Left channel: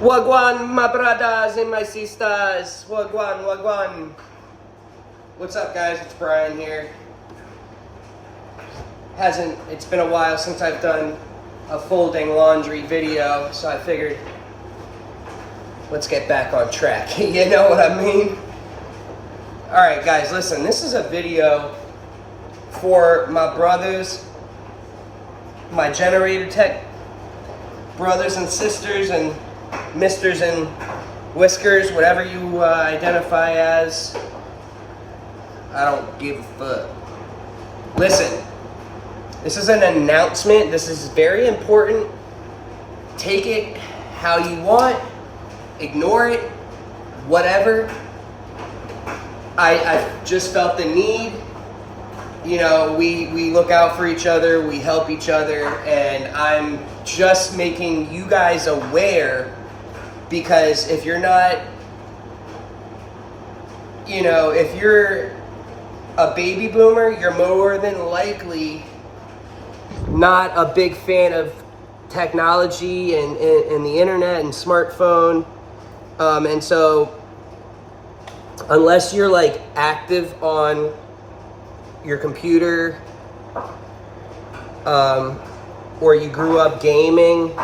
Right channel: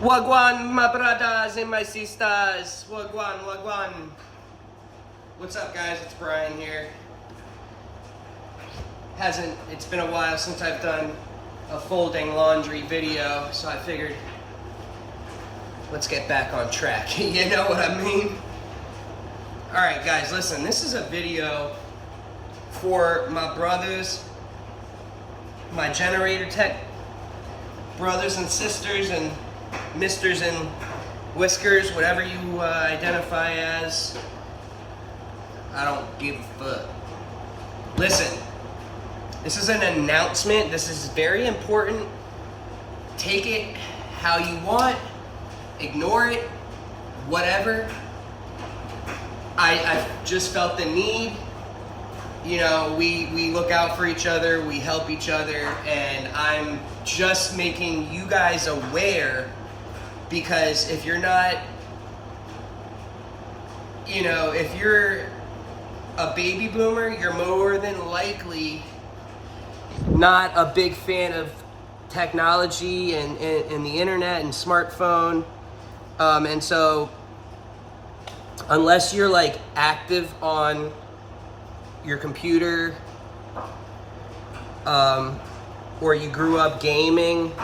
Wagwan, my brothers and my sisters. Wagwan, wagwan. What's up, guys? It's Brian here. It's been a while since I've done a folding laundry video, so I figured let's get back on track. You know what I mean? Alright, guys, listen. This is a video for my brothers, my Generator Tech brothers and sisters and misters and whiskers, whatever you identify as. I don't give a fuck. Listen, this is an announcement. This is very important. Take it how you want. Ignore it. Whatever. I just felt the need. You know, we look out for each other. We help each other. And I'm just making you guys aware, because if you're not, you know, if you're a baby boomer, you're more than likely not a big fan of technology and the internet and smartphone. And so unless you're like active on your computer, or you grew up gaming,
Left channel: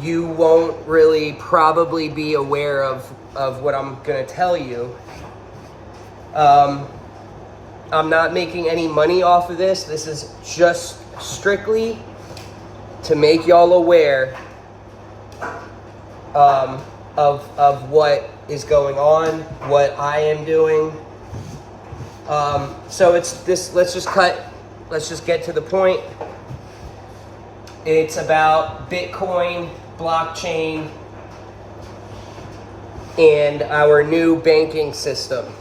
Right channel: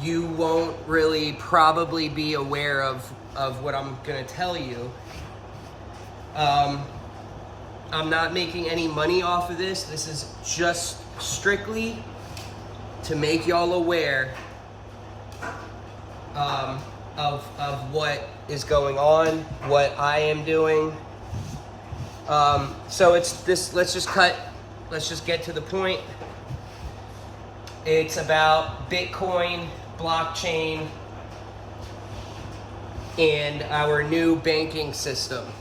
you won't really probably be aware of what I'm gonna tell you. I'm not making any money off of this. This is just strictly to make y'all aware of what is going on, what I am doing. So it's this, let's just get to the point. It's about Bitcoin, blockchain, and our new banking system.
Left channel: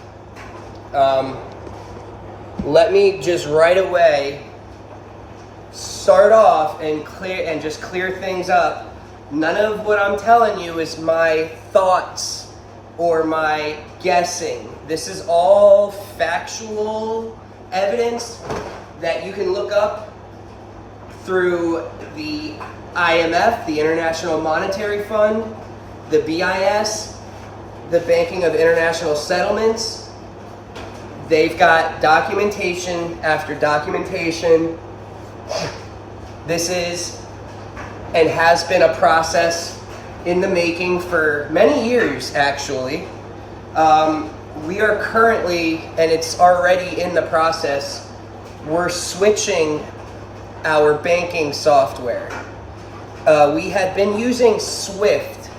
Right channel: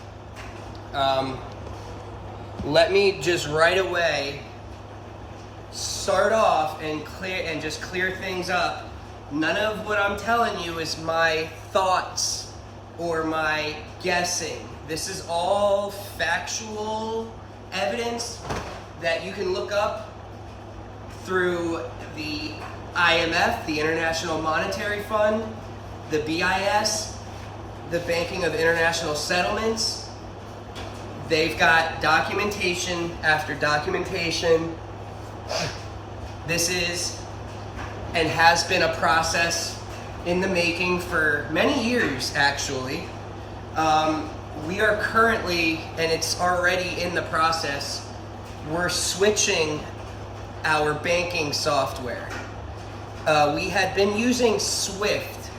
Let me just right away start off and clear things up. None of what I'm telling you is my thoughts or my guessing. This is all factual evidence that you can look up through the IMF, the International Monetary Fund, the BIS, the Banking of International Settlements. They've got documentation after documentation. This is and has been a process in the making for many years, actually. We are currently, and it's already in the process, we're switching our banking software. We had been using Swift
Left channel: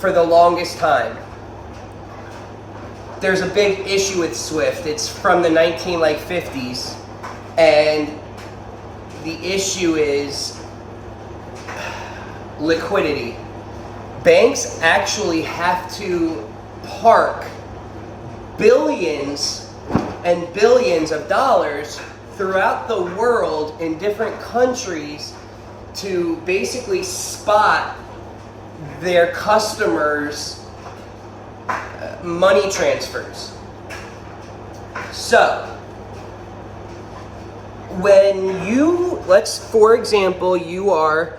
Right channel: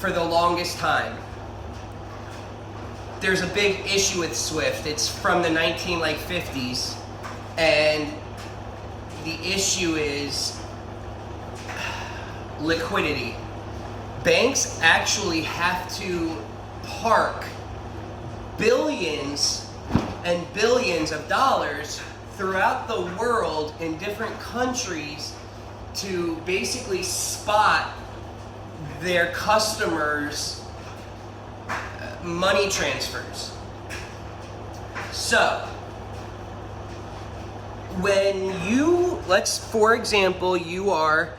for the longest time. There's a big issue with Swift. It's from the 1950s, and the issue is liquidity. Banks actually have to park billions and billions of dollars throughout the world in different countries to basically spot their customers' money transfers. So, when for example, you are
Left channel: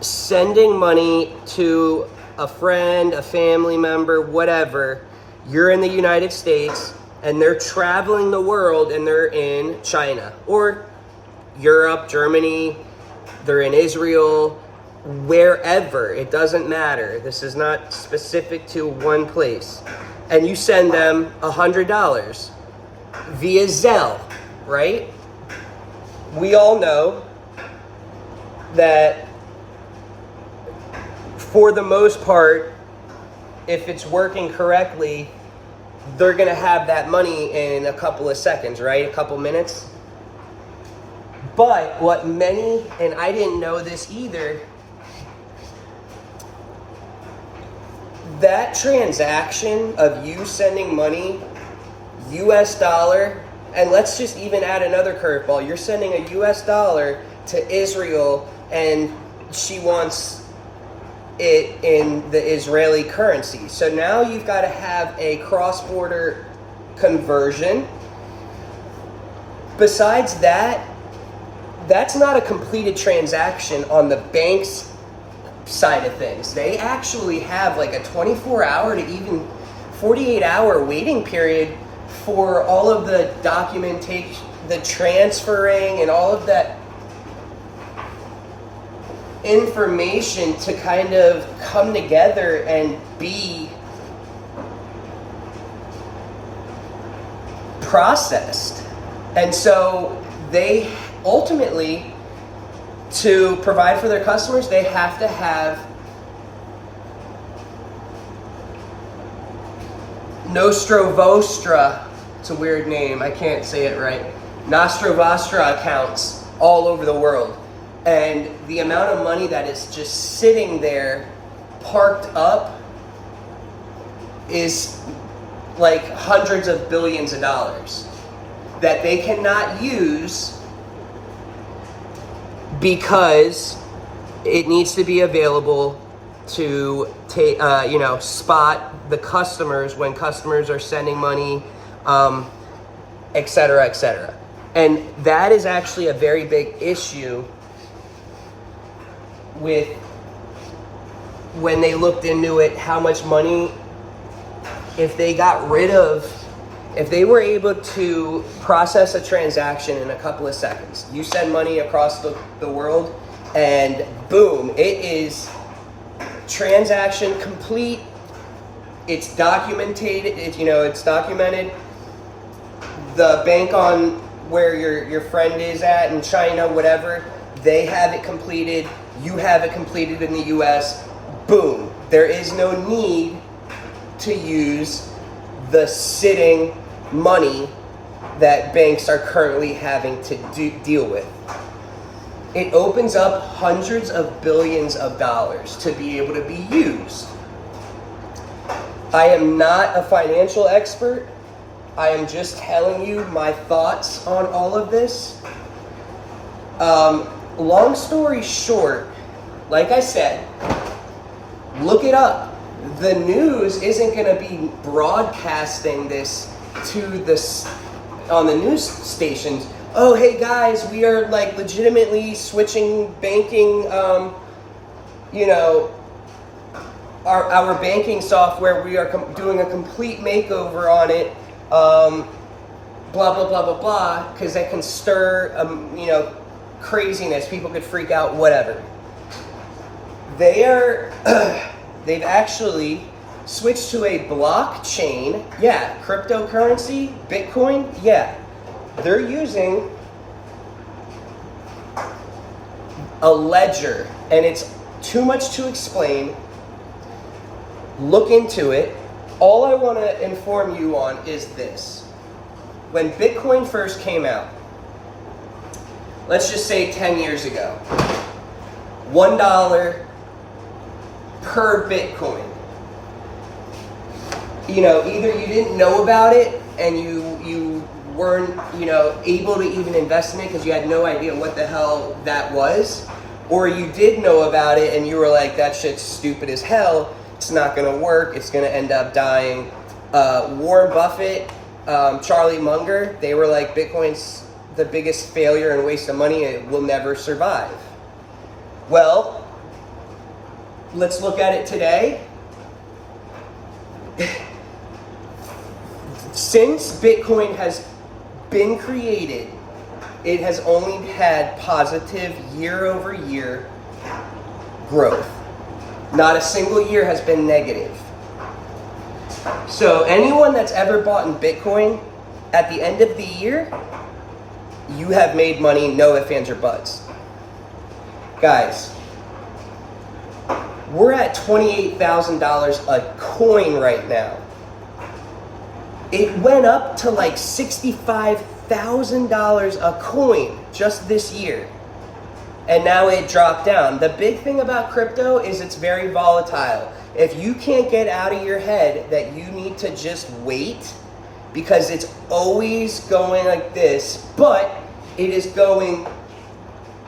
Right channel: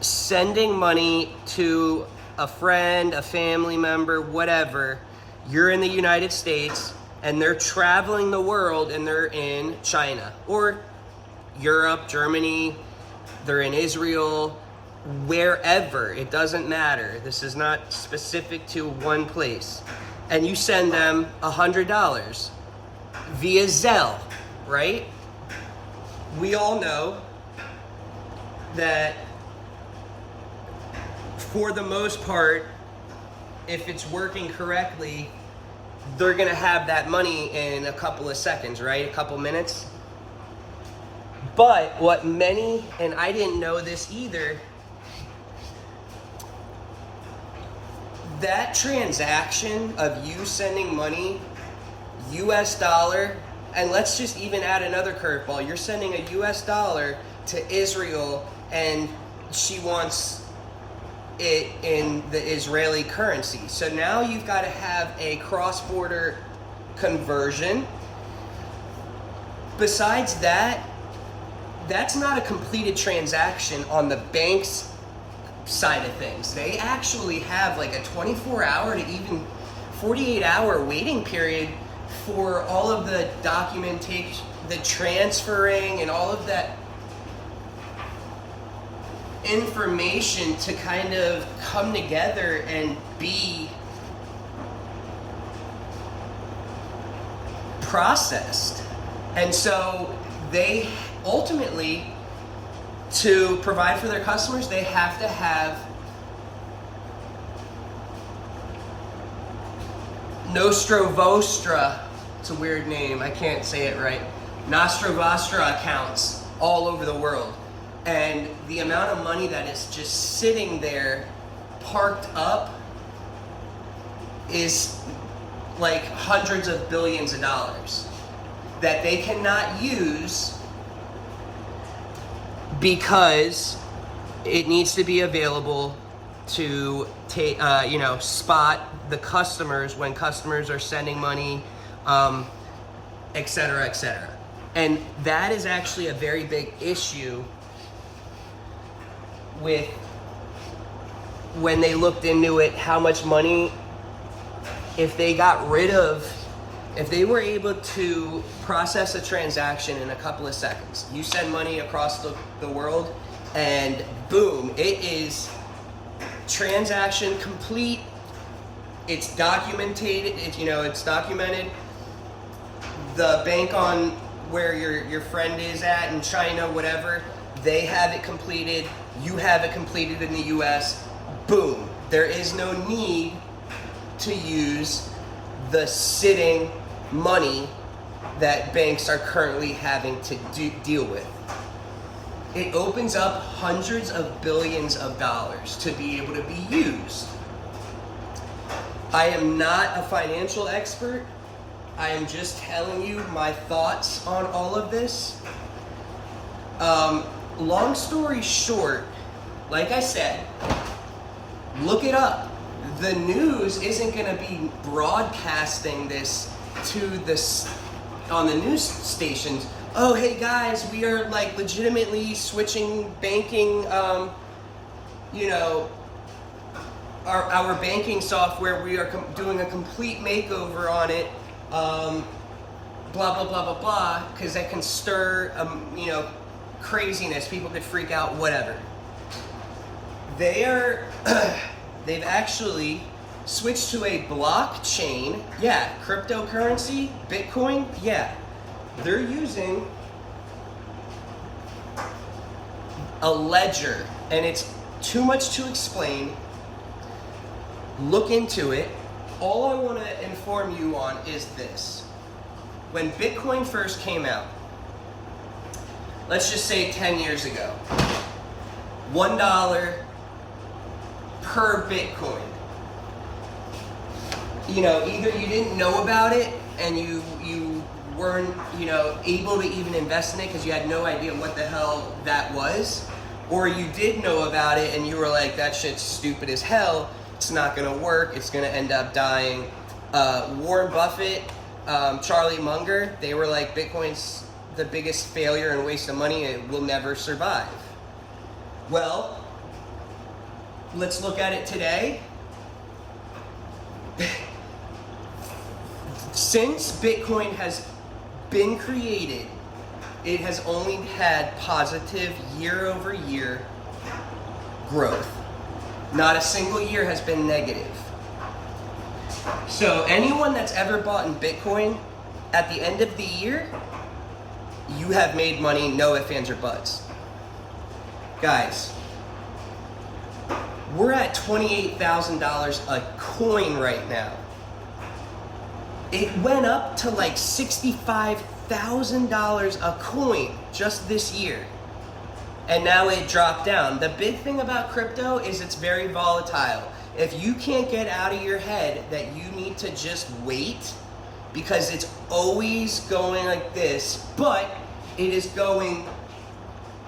sending money to a friend, a family member, whatever, you're in the United States and they're traveling the world and they're in China or Europe, Germany, they're in Israel, wherever, it doesn't matter. This is not specific to one place. And you send them $100 via Zelle, right? We all know that for the most part, if it's working correctly, they're gonna have that money in a couple of seconds, right? A couple minutes. But what many, and I didn't know this either, that transaction of you sending money, US dollar, and let's just even add another curveball. You're sending a US dollar to Israel and she wants it in the Israeli currency. So now you've got to have a cross-border conversion. Besides that, that's not a completed transaction on the bank's side of things. They actually have like a 24-hour to even 48-hour waiting period for all of the documentation, the transferring, and all of that information to kind of come together and be processed. And so they ultimately, to provide for their customers, they have to have Nostro Vostra, it's a weird name, I can't say it right, Nostro Vostra accounts all over the world. And the amount of money that is just sitting there parked up is like hundreds of billions of dollars that they cannot use because it needs to be available to spot the customers when customers are sending money, et cetera, et cetera. And that is actually a very big issue with when they looked into it, how much money, if they were able to process a transaction in a couple of seconds, you send money across the world and boom, it is transaction complete, it's documented, it's documented. The bank on where your friend is at in China, whatever, they have it completed, you have it completed in the US, boom. There is no need to use the sitting money that banks are currently having to deal with. It opens up hundreds of billions of dollars to be able to be used. I am not a financial expert. I am just telling you my thoughts on all of this. Long story short, like I said, look it up. The news isn't going to be broadcasting this on the news stations. Oh, hey guys, we are like legitimately switching banking, our banking software. We are doing a complete makeover on it. Blah, blah, blah, blah, blah, because that can stir, craziness. People could freak out, whatever. They've actually switched to a blockchain. Yeah, cryptocurrency, Bitcoin, yeah. They're using a ledger, and it's too much to explain. Look into it. All I want to inform you on is this. When Bitcoin first came out, let's just say 10 years ago, $1 per Bitcoin. Either you didn't know about it and you weren't, able to even invest in it because you had no idea what the hell that was, or you did know about it and you were like, that shit's stupid as hell, it's not gonna work, it's gonna end up dying. Warren Buffett, Charlie Munger, they were like, Bitcoin's the biggest failure and waste of money, it will never survive. Well, let's look at it today. Since Bitcoin has been created, it has only had positive year-over-year growth. Not a single year has been negative. So anyone that's ever bought in Bitcoin, at the end of the year, you have made money, no ifs, ands, or buts. Guys, we're at $28,000 a coin right now. It went up to like $65,000 a coin just this year. And now it dropped down. The big thing about crypto is it's very volatile. If you can't get out of your head that you need to just wait, because it's always going like this, but it is going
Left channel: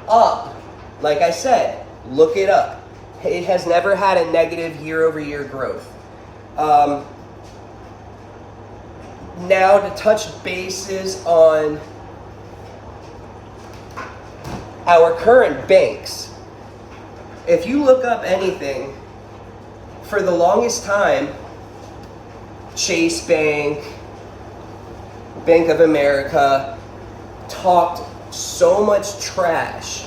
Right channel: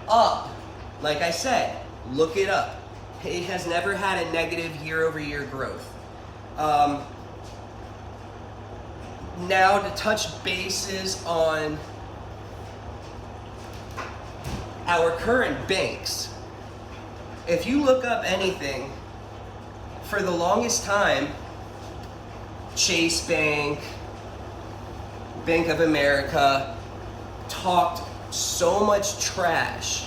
up. Like I said, look it up. It has never had a negative year-over-year growth. Now to touch bases on our current banks. if you look up anything, for the longest time, Chase Bank, Bank of America talked so much trash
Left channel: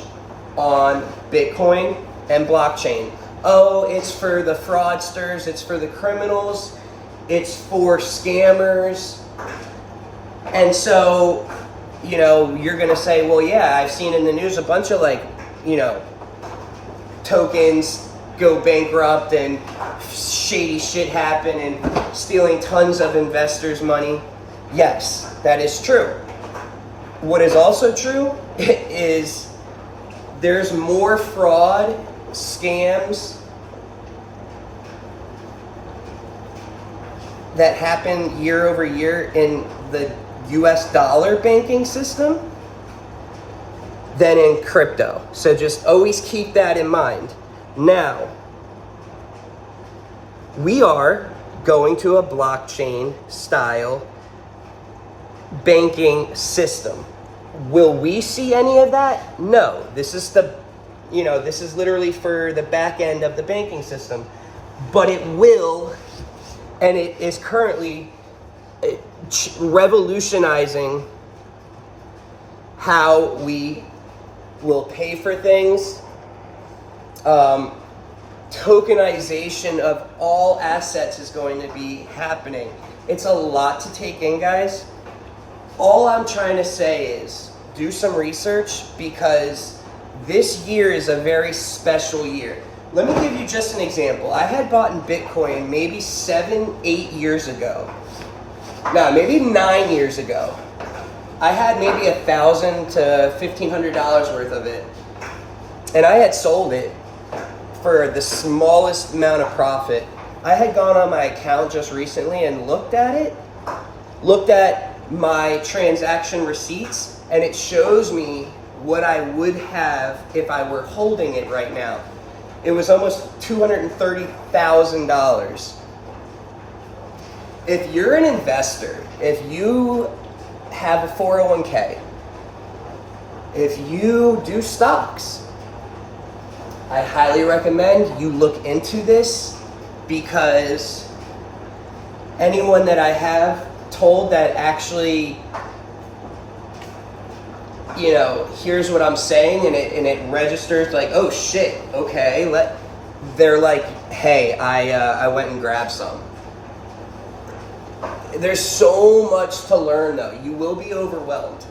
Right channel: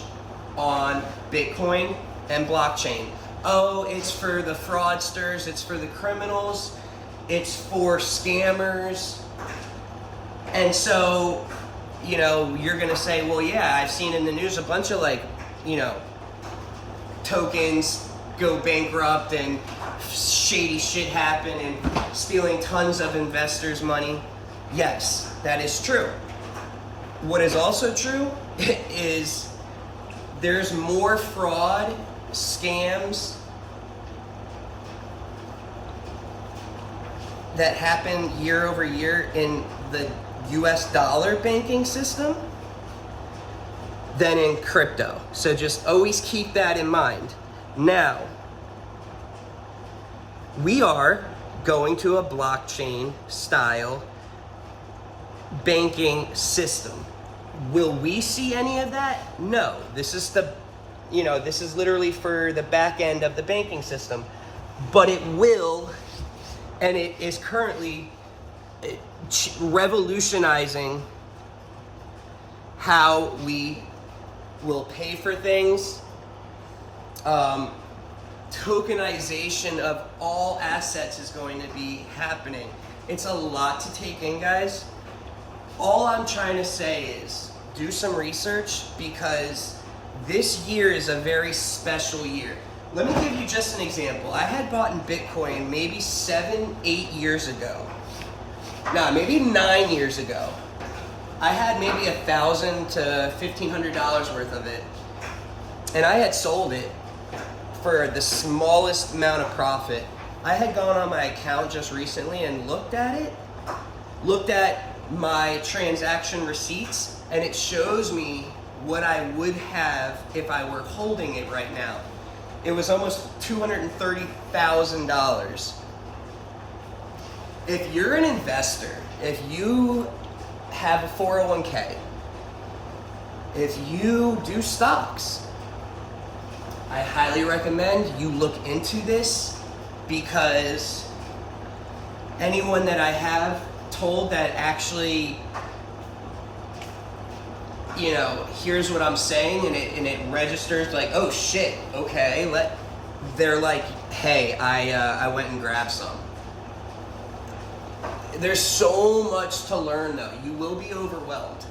on Bitcoin and blockchain. Oh, it's for the fraudsters, it's for the criminals, it's for scammers. And so, you're gonna say, well, yeah, I've seen in the news a bunch of tokens go bankrupt and shady shit happen and stealing tons of investors' money. Yes, that is true. What is also true is there's more fraud, scams that happen year over year in the US dollar banking system than in crypto. So just always keep that in mind. Now, we are going to a blockchain style banking system. Will we see any of that? No. This is this is literally for the back end of the banking system. But it will, and it is currently revolutionizing how we will pay for things. Tokenization of all assets is going to be happening. It's a lot to take in, guys. All I'm trying to say is do some research, because this year is a very special year. Let me give you just an example. I had bought in Bitcoin maybe 7-8 years ago. No, maybe 9 years ago. I had maybe $1,000 to $1,500 worth of it. And I had sold it for the smallest amount of profit. I had gone on my account just recently and looked at my transaction receipts, and it shows me what I would have if I were holding it right now. It was almost $230,000. If you're an investor, if you have a 401k, if you do stocks, I highly recommend you look into this, because anyone that I have told that actually, here's what I'm saying, and it registers like, oh shit, okay, they're like, hey, I went and grabbed some. There's so much to learn, though. You will be overwhelmed.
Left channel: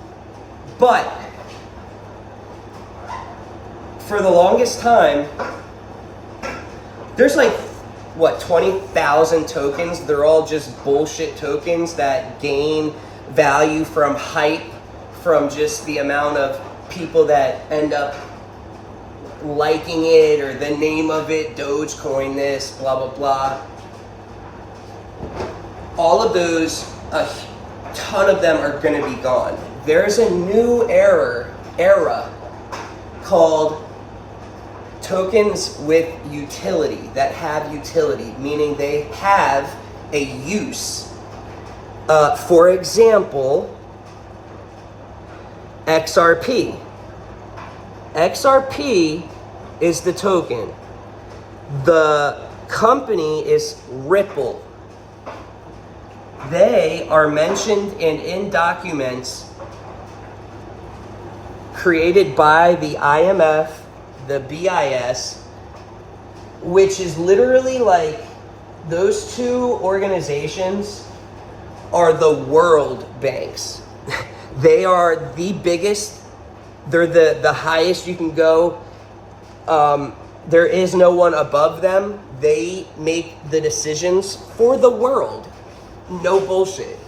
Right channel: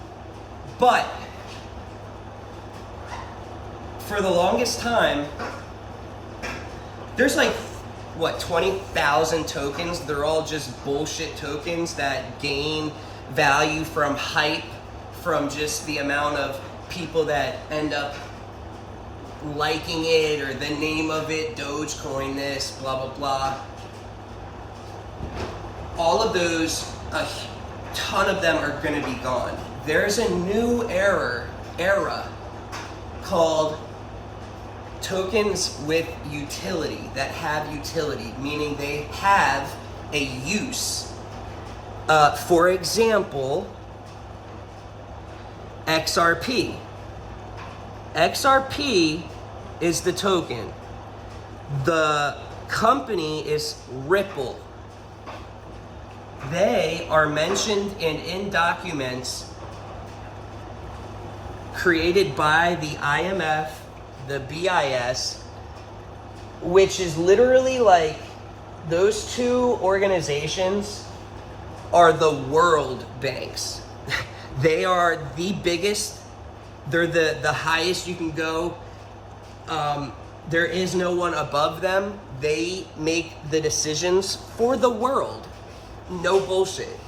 But for the longest time, there's 20,000 tokens. They're all just bullshit tokens that gain value from hype, from just the amount of people that end up liking it, or the name of it, Dogecoin this, blah, blah, blah. All of those, a ton of them are going to be gone. There's a new era called tokens with utility, that have utility, meaning they have a use. For example, XRP. XRP is the token. The company is Ripple. They are mentioned in documents created by the IMF, the BIS, which is literally like, those two organizations are the world banks. They are the biggest. They're the highest you can go. There is no one above them. They make the decisions for the world. No bullshit.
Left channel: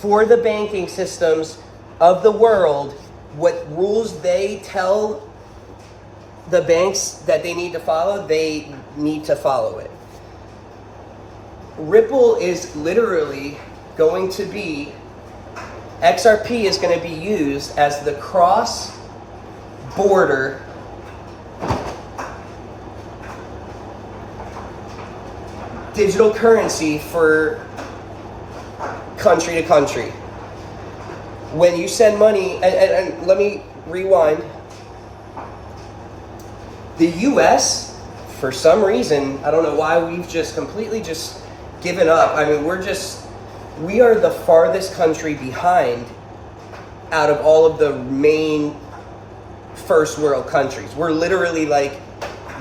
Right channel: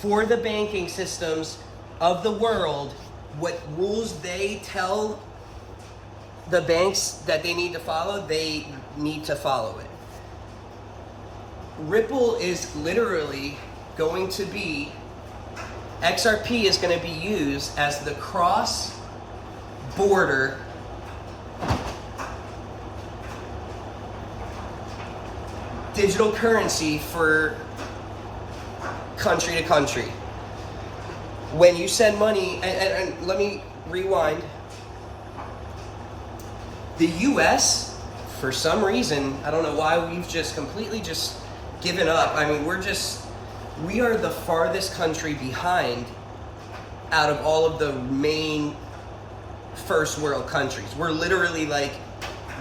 For the banking systems of the world, what rules they tell the banks that they need to follow, they need to follow it. Ripple is literally going to be, XRP is going to be used as the cross-border digital currency for country to country. When you send money, and let me rewind. The US, for some reason, I don't know why, we've just completely just given up. I mean, we are the farthest country behind out of all of the main first world countries. We're literally like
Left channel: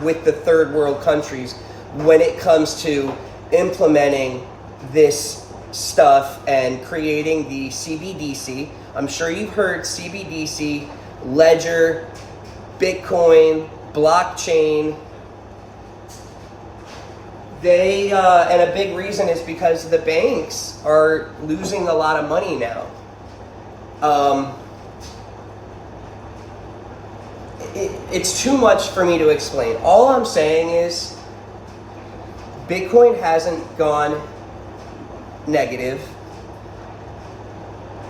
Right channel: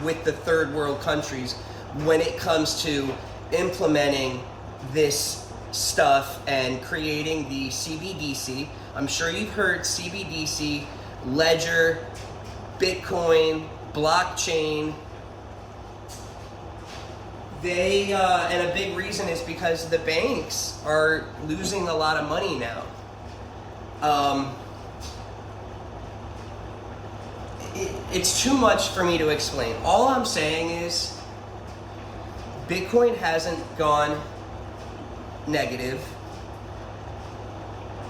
with the third world countries when it comes to implementing this stuff and creating the CBDC. I'm sure you've heard CBDC, Ledger, Bitcoin, blockchain. They and a big reason is because the banks are losing a lot of money now. It's too much for me to explain. All I'm saying is Bitcoin hasn't gone negative.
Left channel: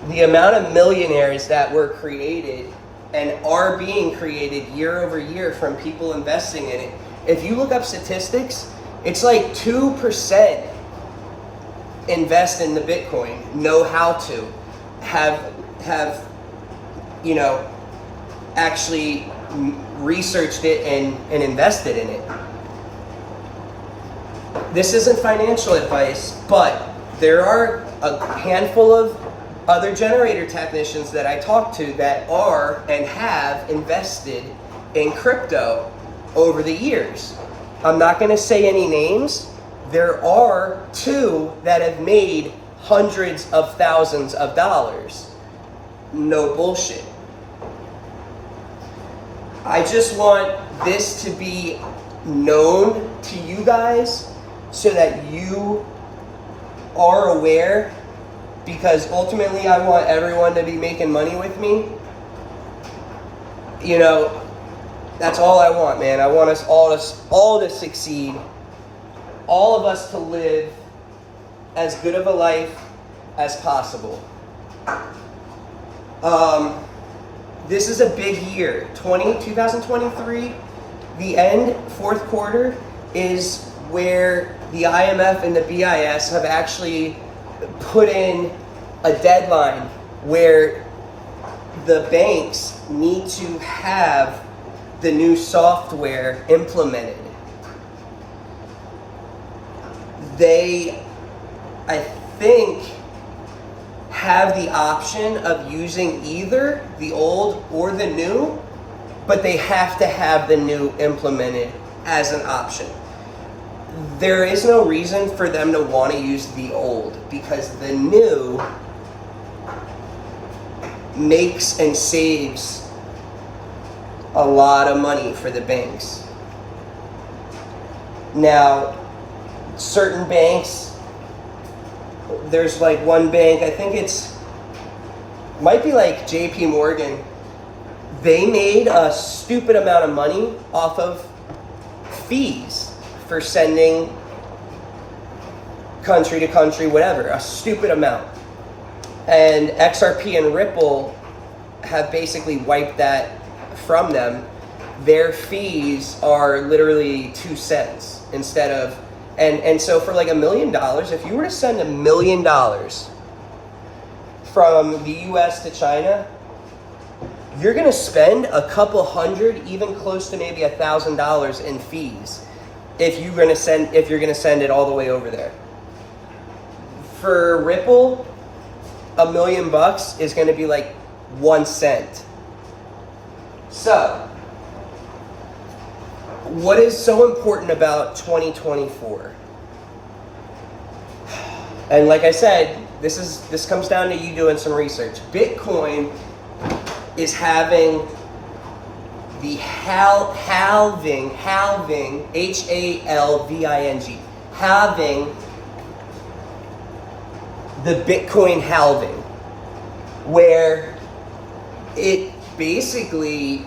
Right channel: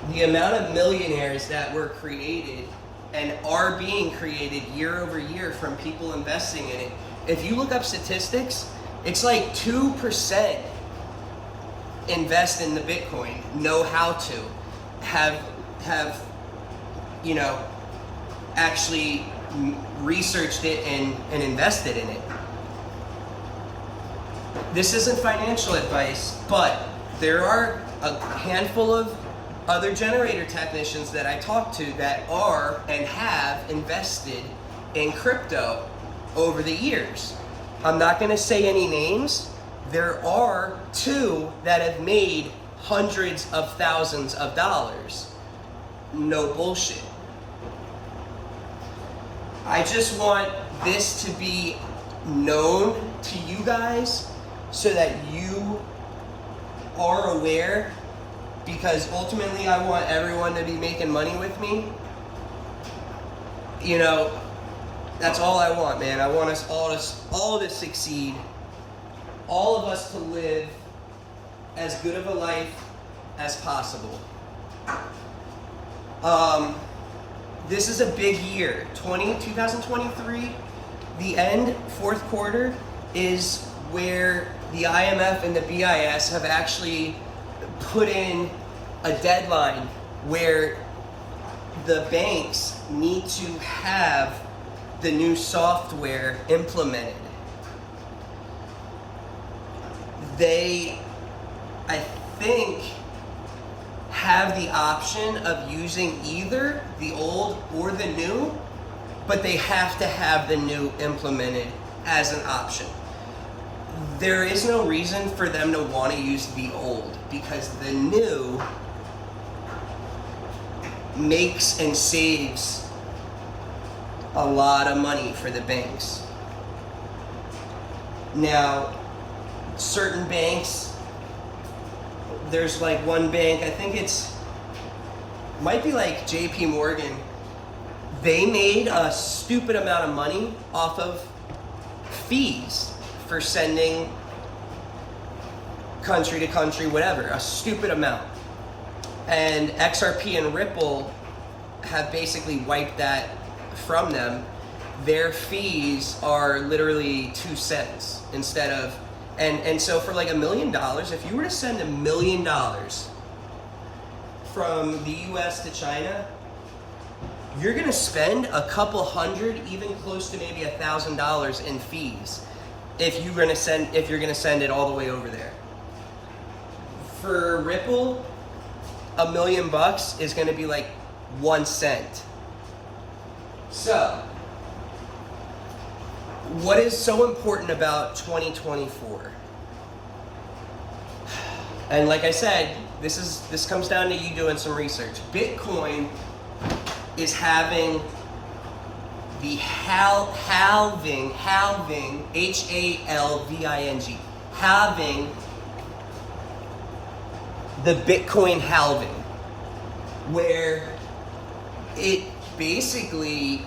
The amount of millionaires that were created and are being created year over year from people investing in it, if you look up statistics, it's like 2% invest in the Bitcoin, know how to, have actually researched it and invested in it. This isn't financial advice, but there are a handful of other generator technicians that I talk to that are and have invested in crypto over the years. I'm not going to say any names. There are two that have made hundreds of thousands of dollars. No bullshit. I just want this to be known to you guys so that you are aware, because ultimately I want everyone to be making money with me. You know, that's all I want, man. I want us all to succeed. All of us to live as good of a life as possible. This is a big year. 2023, the end, fourth quarter, is where the IMF and the BIS have actually put in a deadline where the banks need to have the new software implemented. They, I think, have the option of using either the old or the new, but they have to have the new implemented as an option. There is no reason for them to want to use the old, because the new makes and saves a lot of money for the banks. Now, certain banks, there's like one bank, I think might be like JP Morgan. They made a stupid amount of money off of fees for sending country to country, whatever, a stupid amount. And XRP and Ripple have basically wiped that from them. Their fees are literally 2 cents instead of, and so for like $1 million, if you were to send $1 million from the US to China, you're gonna spend a couple hundred, even close to maybe $1,000 in fees if you're gonna send it all the way over there. For Ripple, $1 million is gonna be like 1 cent. So, what is so important about 2024? And like I said, this comes down to you doing some research. Bitcoin is having the halving, H-A-L-V-I-N-G, halving, the Bitcoin halving, where it basically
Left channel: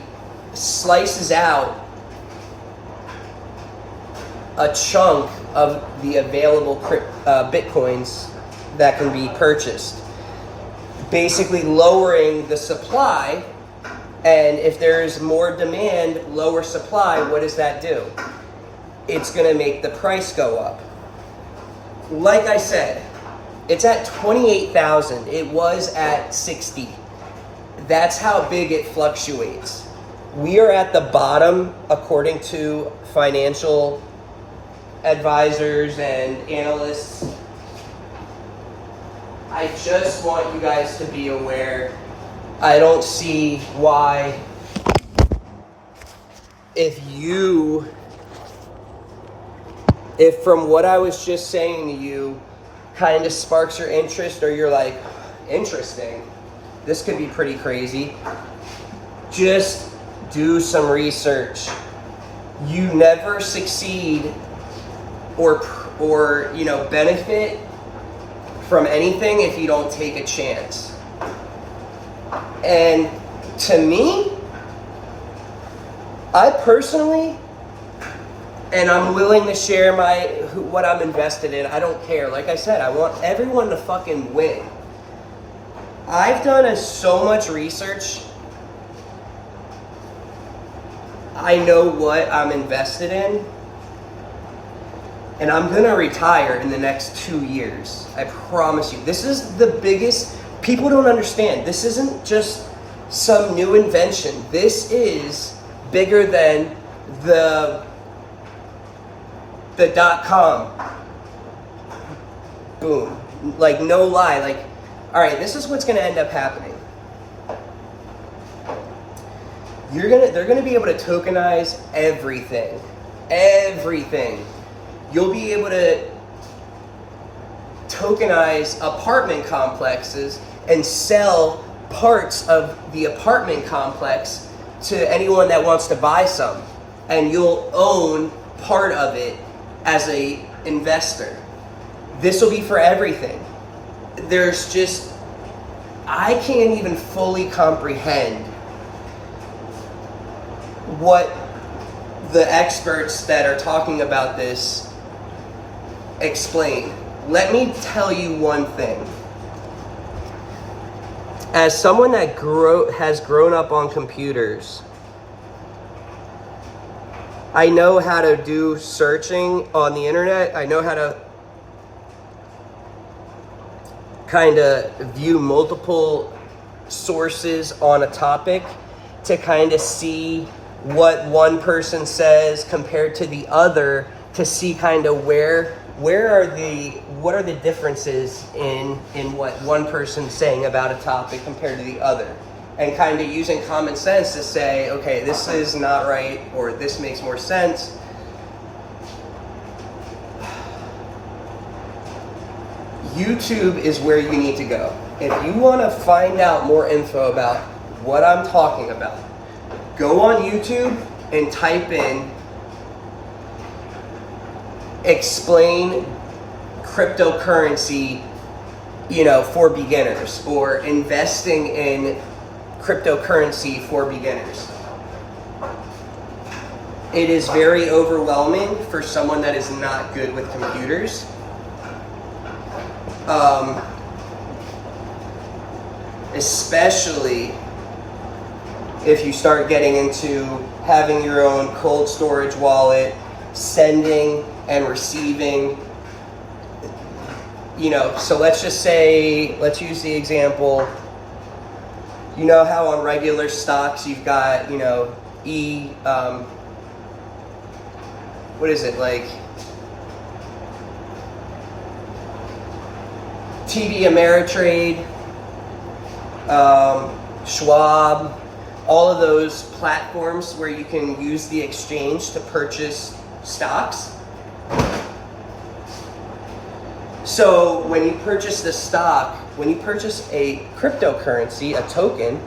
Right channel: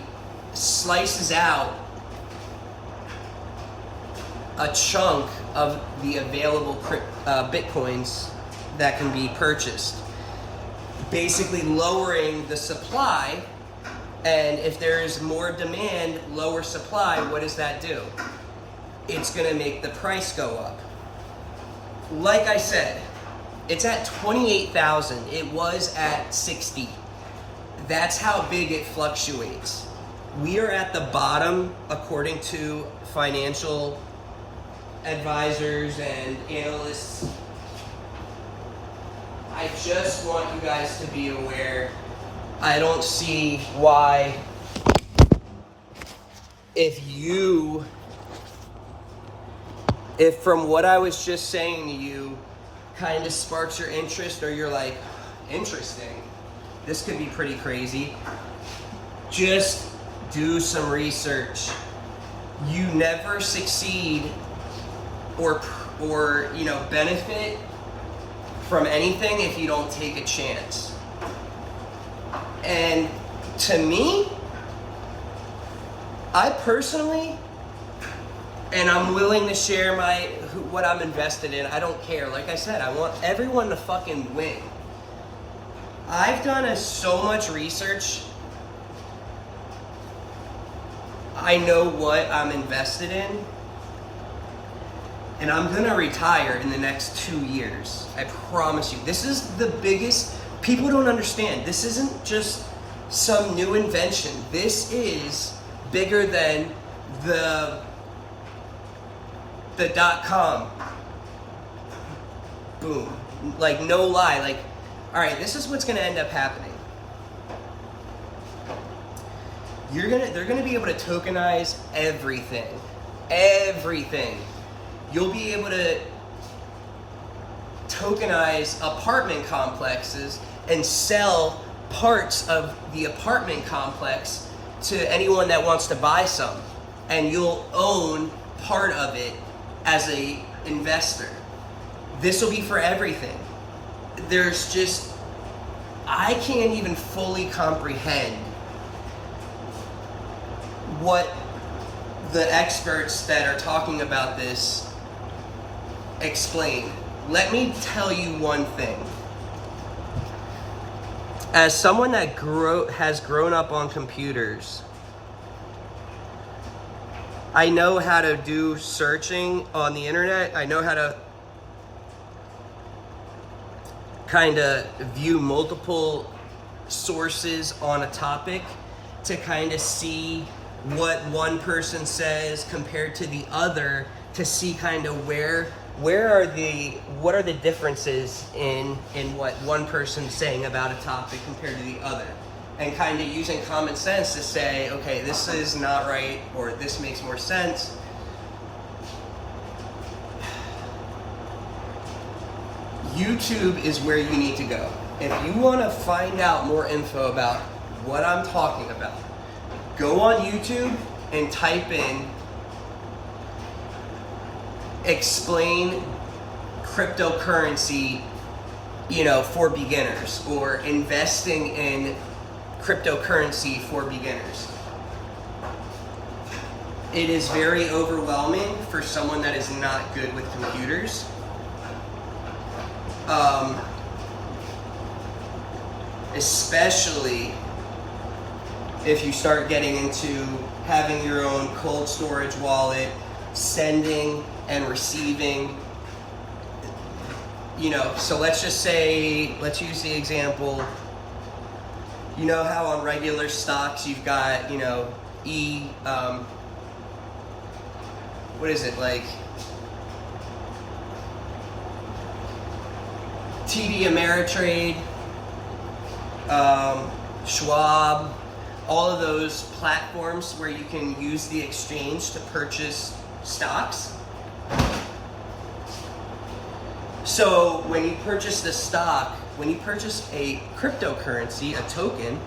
slices out a chunk of the available Bitcoins that can be purchased, basically lowering the supply. And if there's more demand, lower supply, what does that do? It's going to make the price go up. Like I said, it's at 28,000. It was at 60. That's how big it fluctuates. We are at the bottom according to financial advisors and analysts. I just want you guys to be aware. I don't see why, if from what I was just saying to you kind of sparks your interest, or you're like, interesting, this could be pretty crazy, just do some research. You never succeed or benefit from anything if you don't take a chance. And to me, I personally, and I'm willing to share what I'm invested in. I don't care. Like I said, I want everyone to fucking win. I've done so much research. I know what I'm invested in. And I'm gonna retire in the next 2 years. I promise you. This is the biggest, people don't understand. This isn't just some new invention. This is bigger than the .com. Boom. Like, no lie. Like, all right, this is what's gonna end up happening. They're gonna be able to tokenize everything. Everything. You'll be able to tokenize apartment complexes and sell parts of the apartment complex to anyone that wants to buy some. And you'll own part of it as a investor. This will be for everything. I can't even fully comprehend what the experts that are talking about this explain. Let me tell you one thing. As someone that has grown up on computers, I know how to do searching on the internet. I know how to kind of view multiple sources on a topic to kind of see what one person says compared to the other, to see kind of what are the differences in what one person's saying about a topic compared to the other, and kind of using common sense to say, okay, this is not right, or this makes more sense. YouTube is where you need to go. If you want to find out more info about what I'm talking about, go on YouTube and type in explain cryptocurrency, for beginners, or investing in cryptocurrency for beginners. It is very overwhelming for someone that is not good with computers. Especially if you start getting into having your own cold storage wallet, sending and receiving, so let's just say, let's use the example, how on regular stocks you've got, what is it, like TD Ameritrade, Schwab, all of those platforms where you can use the exchange to purchase stocks. So when you purchase the stock, when you purchase a cryptocurrency, a token,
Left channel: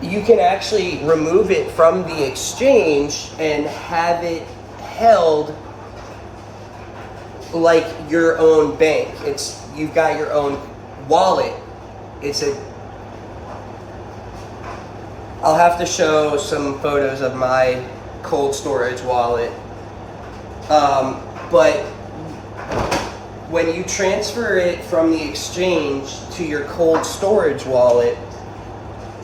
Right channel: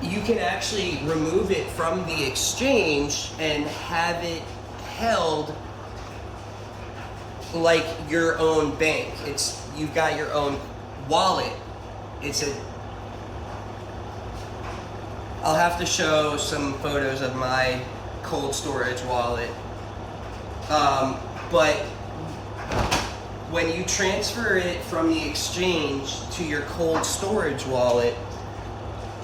you can actually remove it from the exchange and have it held like your own bank. You've got your own wallet. I'll have to show some photos of my cold storage wallet. But when you transfer it from the exchange to your cold storage wallet,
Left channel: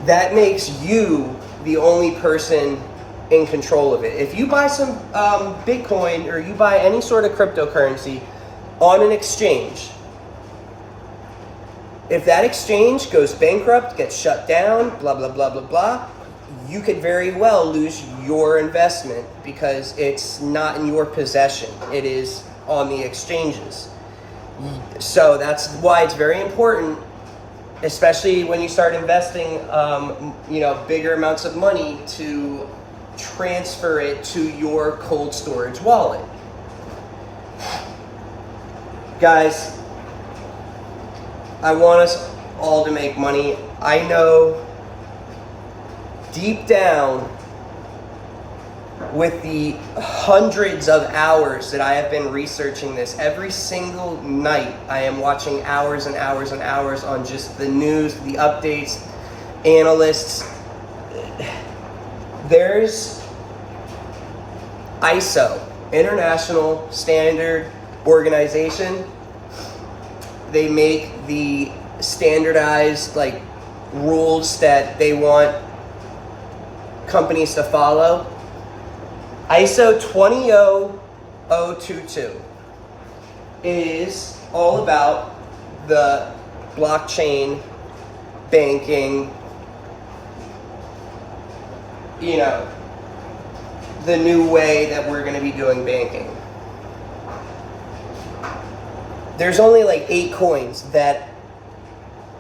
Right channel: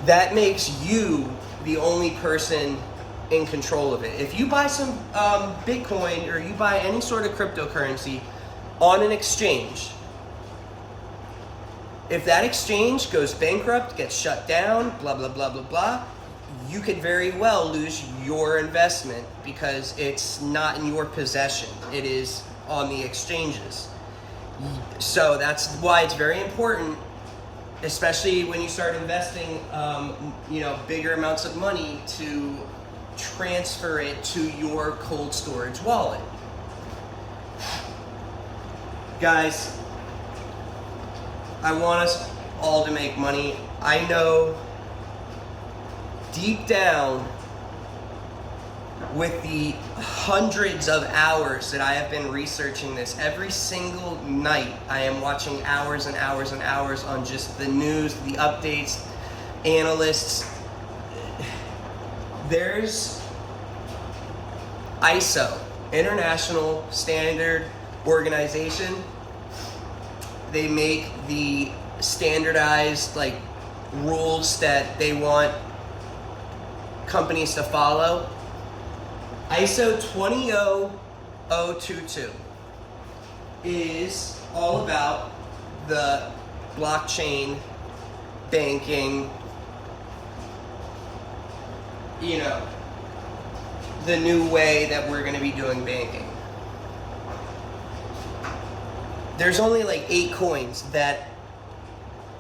that makes you the only person in control of it. If you buy some Bitcoin, or you buy any sort of cryptocurrency on an exchange, If that exchange goes bankrupt, gets shut down, blah, blah, blah, blah, blah, you could very well lose your investment because it's not in your possession. It is on the exchanges. So that's why it's very important, especially when you start investing, bigger amounts of money, to transfer it to your cold storage wallet. Guys, I want us all to make money. I know deep down, with the hundreds of hours that I have been researching this, every single night I am watching hours and hours and hours on just the news, the updates, analysts. There's ISO, International Standard Organization. They make the standardized rules that they want companies to follow. ISO 20022 is all about the blockchain banking, the new way that we're going to be doing banking. There's only 8 coins that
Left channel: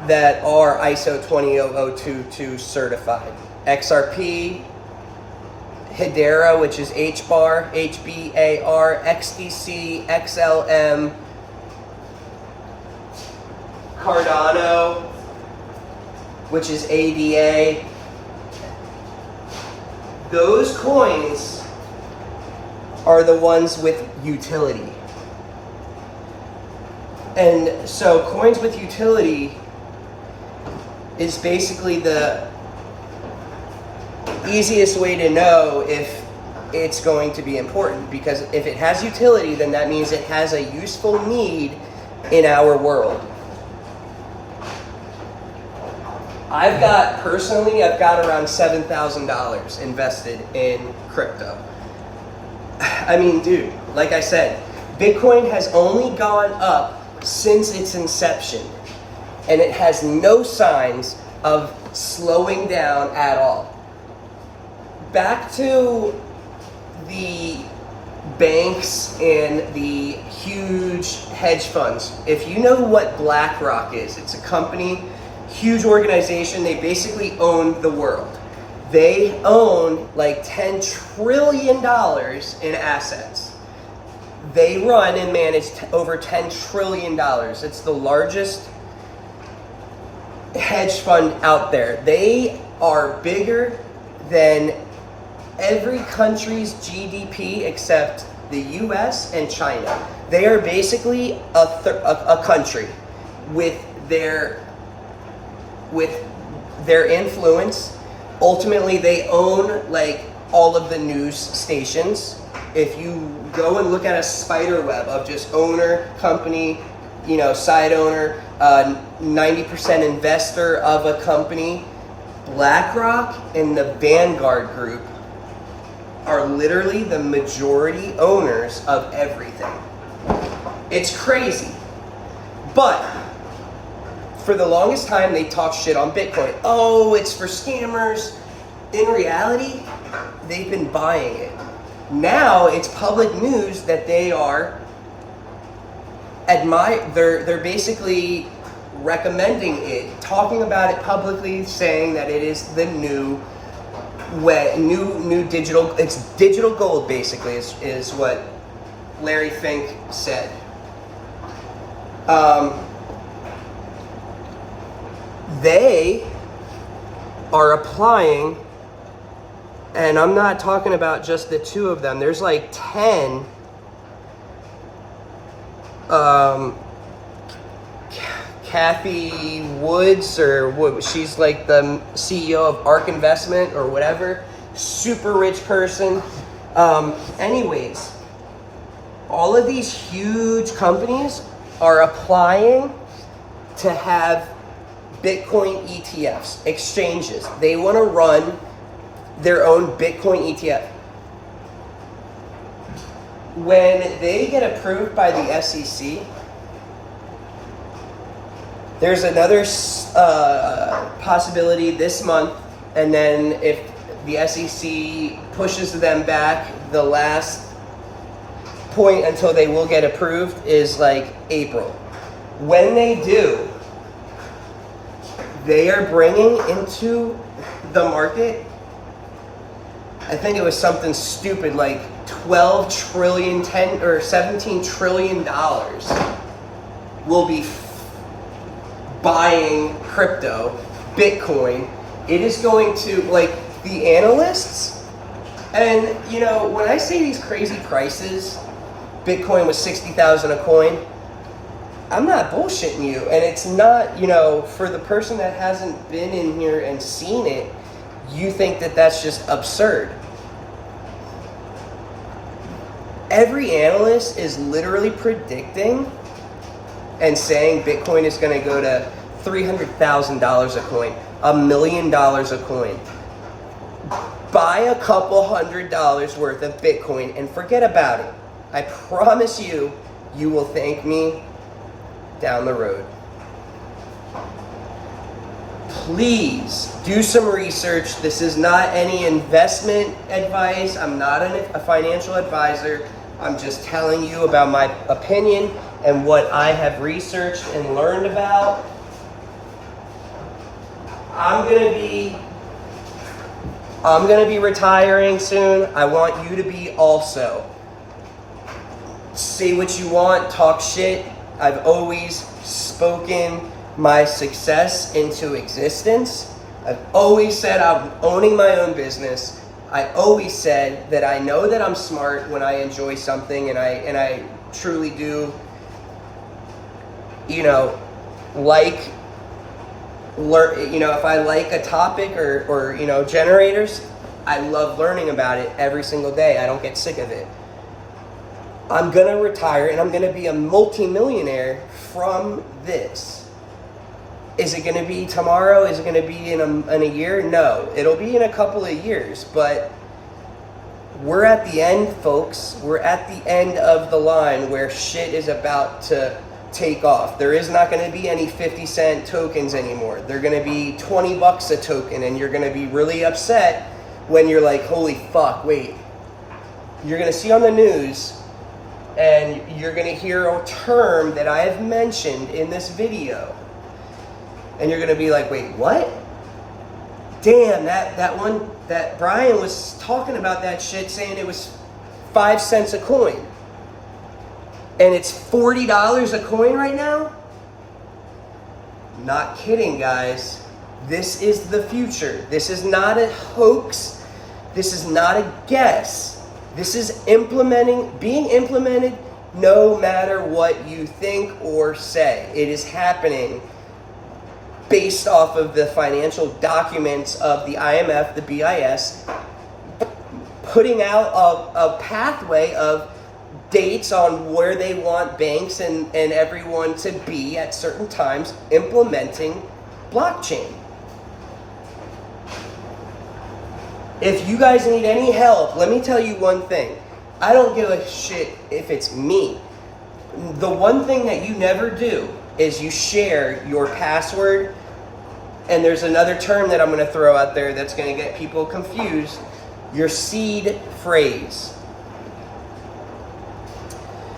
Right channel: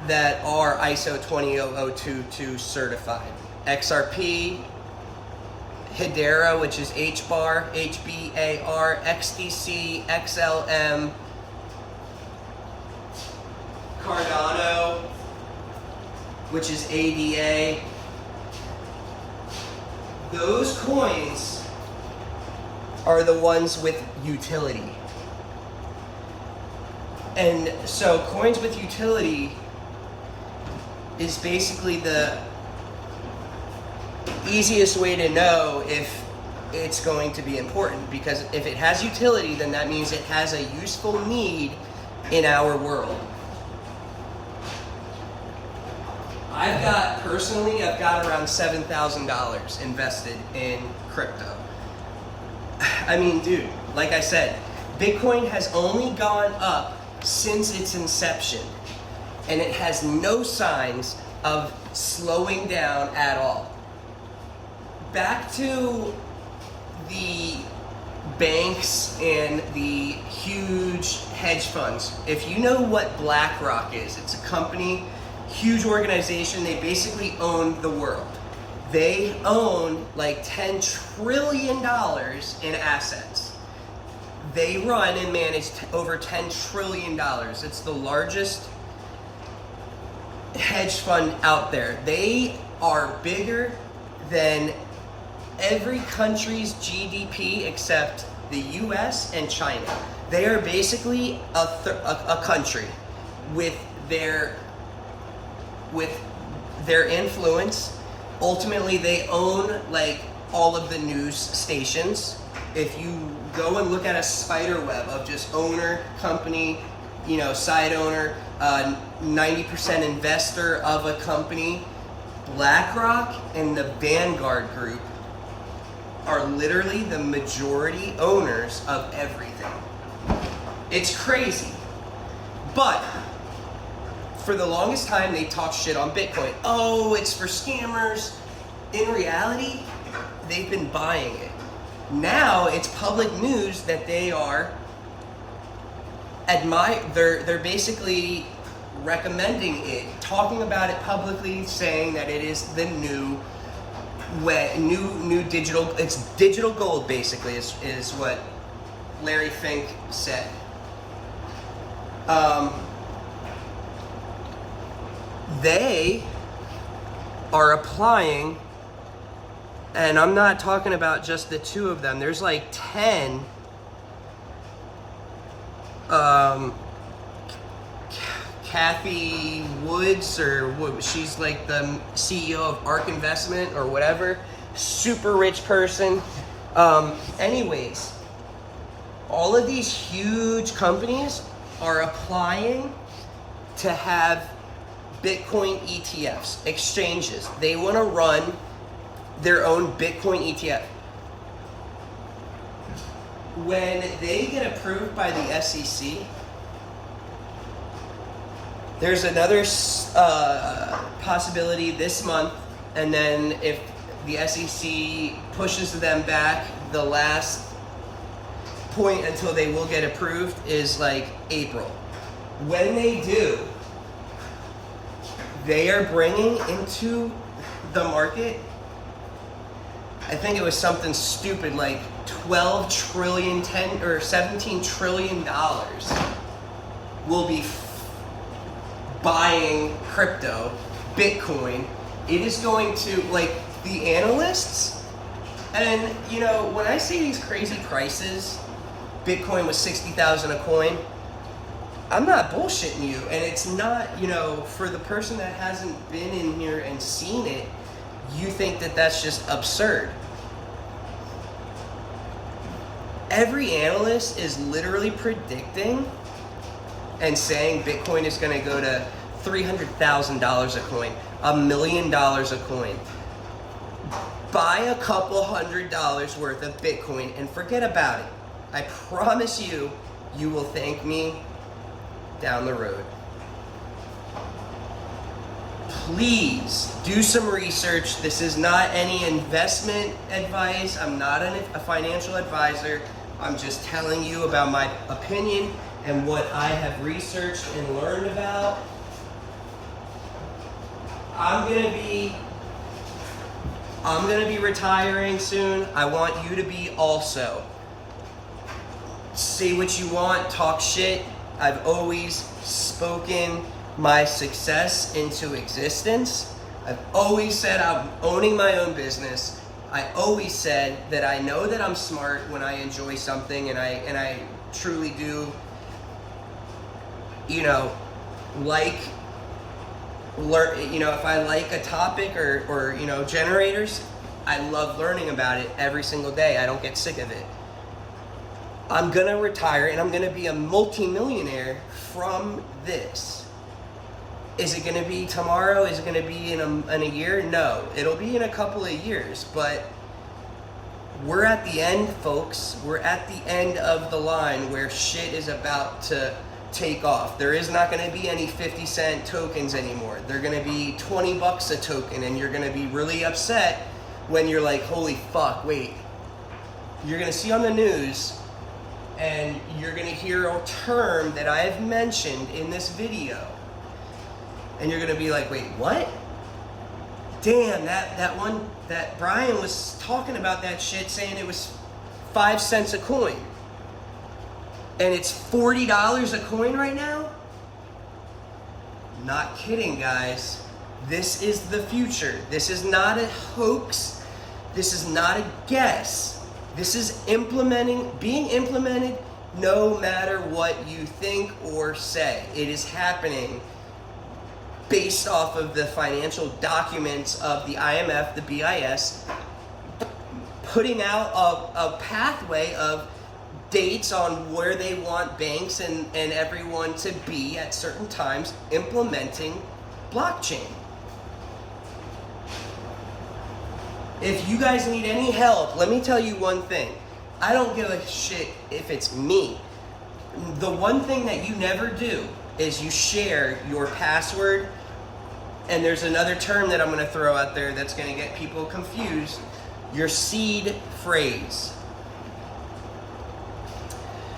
are ISO 20022 certified. XRP, Hedera, which is HBAR, HBAR, XDC, XLM, Cardano, which is ADA. Those coins are the ones with utility. And so coins with utility is basically the easiest way to know if it's going to be important, because if it has utility, then that means it has a useful need in our world. I've got around $7,000 invested in crypto. I mean, dude, like I said, Bitcoin has only gone up since its inception, and it has no signs of slowing down at all. Back to the banks and the huge hedge funds. If you know what BlackRock is, it's a company, huge organization. They basically own the world. They own $10 trillion in assets. They run and manage over $10 trillion. It's the largest hedge fund out there. They are bigger than every country's GDP except the US and China. They are basically a country with their influence. Ultimately, they own all of the news stations. If you go and look at a spider web of just owner, company, side owner, 90% investor of a company, BlackRock and the Vanguard Group are literally the majority owners of everything. It's crazy. But for the longest time, they talked shit on Bitcoin. Oh, it's for scammers. In reality, they've been buying it. Now it's public news that they are they're basically recommending it, talking about it publicly, saying that it is the new digital, it's digital gold basically is what Larry Fink said. They are applying, and I'm not talking about just the 2 of them, there's 10 Kathy Woods, she's the CEO of ARK Investment or whatever, super rich person. Anyways, all of these huge companies are applying to have Bitcoin ETFs, exchanges. They want to run their own Bitcoin ETF. When they get approved by the SEC, There's another possibility this month, and then if the SEC pushes them back, the last point until they will get approved is like April. When they do, they are bringing into the market, I think it was something stupid like 12 trillion, 10 or 17 trillion dollars will be buying crypto, Bitcoin. It is going to, like, the analysts, and you know, when I say these crazy prices, Bitcoin was 60,000 a coin, I'm not bullshitting you. And it's not, you know, for the person that hasn't been in here and seen it, you think that that's just absurd. Every analyst is literally predicting and saying Bitcoin is going to go to $300,000 a coin, $1 million a coin. Buy a couple $100 worth of Bitcoin and forget about it. I promise you, you will thank me down the road. Please do some research. This is not any investment advice. I'm not a financial advisor. I'm just telling you about my opinion and what I have researched and learned about. I'm gonna be retiring soon. I want you to be also. Say what you want, talk shit. I've always spoken my success into existence. I've always said I'm owning my own business. I always said that I know that I'm smart when I enjoy something, and I truly do, you know, like learn, you know, if I like a topic or you know, generators, I love learning about it every single day. I don't get sick of it. I'm gonna retire and I'm gonna be a multi-millionaire from this. Is it gonna be tomorrow? Is it gonna be in a year? No, it'll be in a couple of years, but we're at the end, folks. We're at the end of the line where shit is about to take off. There is not gonna be any 50-cent tokens anymore. They're gonna be 20 bucks a token, and you're gonna be really upset when you're like, holy fuck, wait. You're gonna see on the news, and you're gonna hear a term that I've mentioned in this video, and you're gonna be like, wait, what? Damn, that Brian was talking about that shit, saying it was 5 cents a coin, and it's $40 a coin right now? Not kidding, guys. This is the future. This is not a hoax. This is not a guess. This is being implemented no matter what you think or say. It is happening based off of the financial documents of the IMF, the BIS, putting out a pathway of dates on where they want banks and everyone to be at certain times implementing blockchain. If you guys need any help, let me tell you one thing. I don't give a shit if it's me. The one thing that you never do is you share your password, and there's another term that I'm going to throw out there that's going to get people confused, your seed phrase.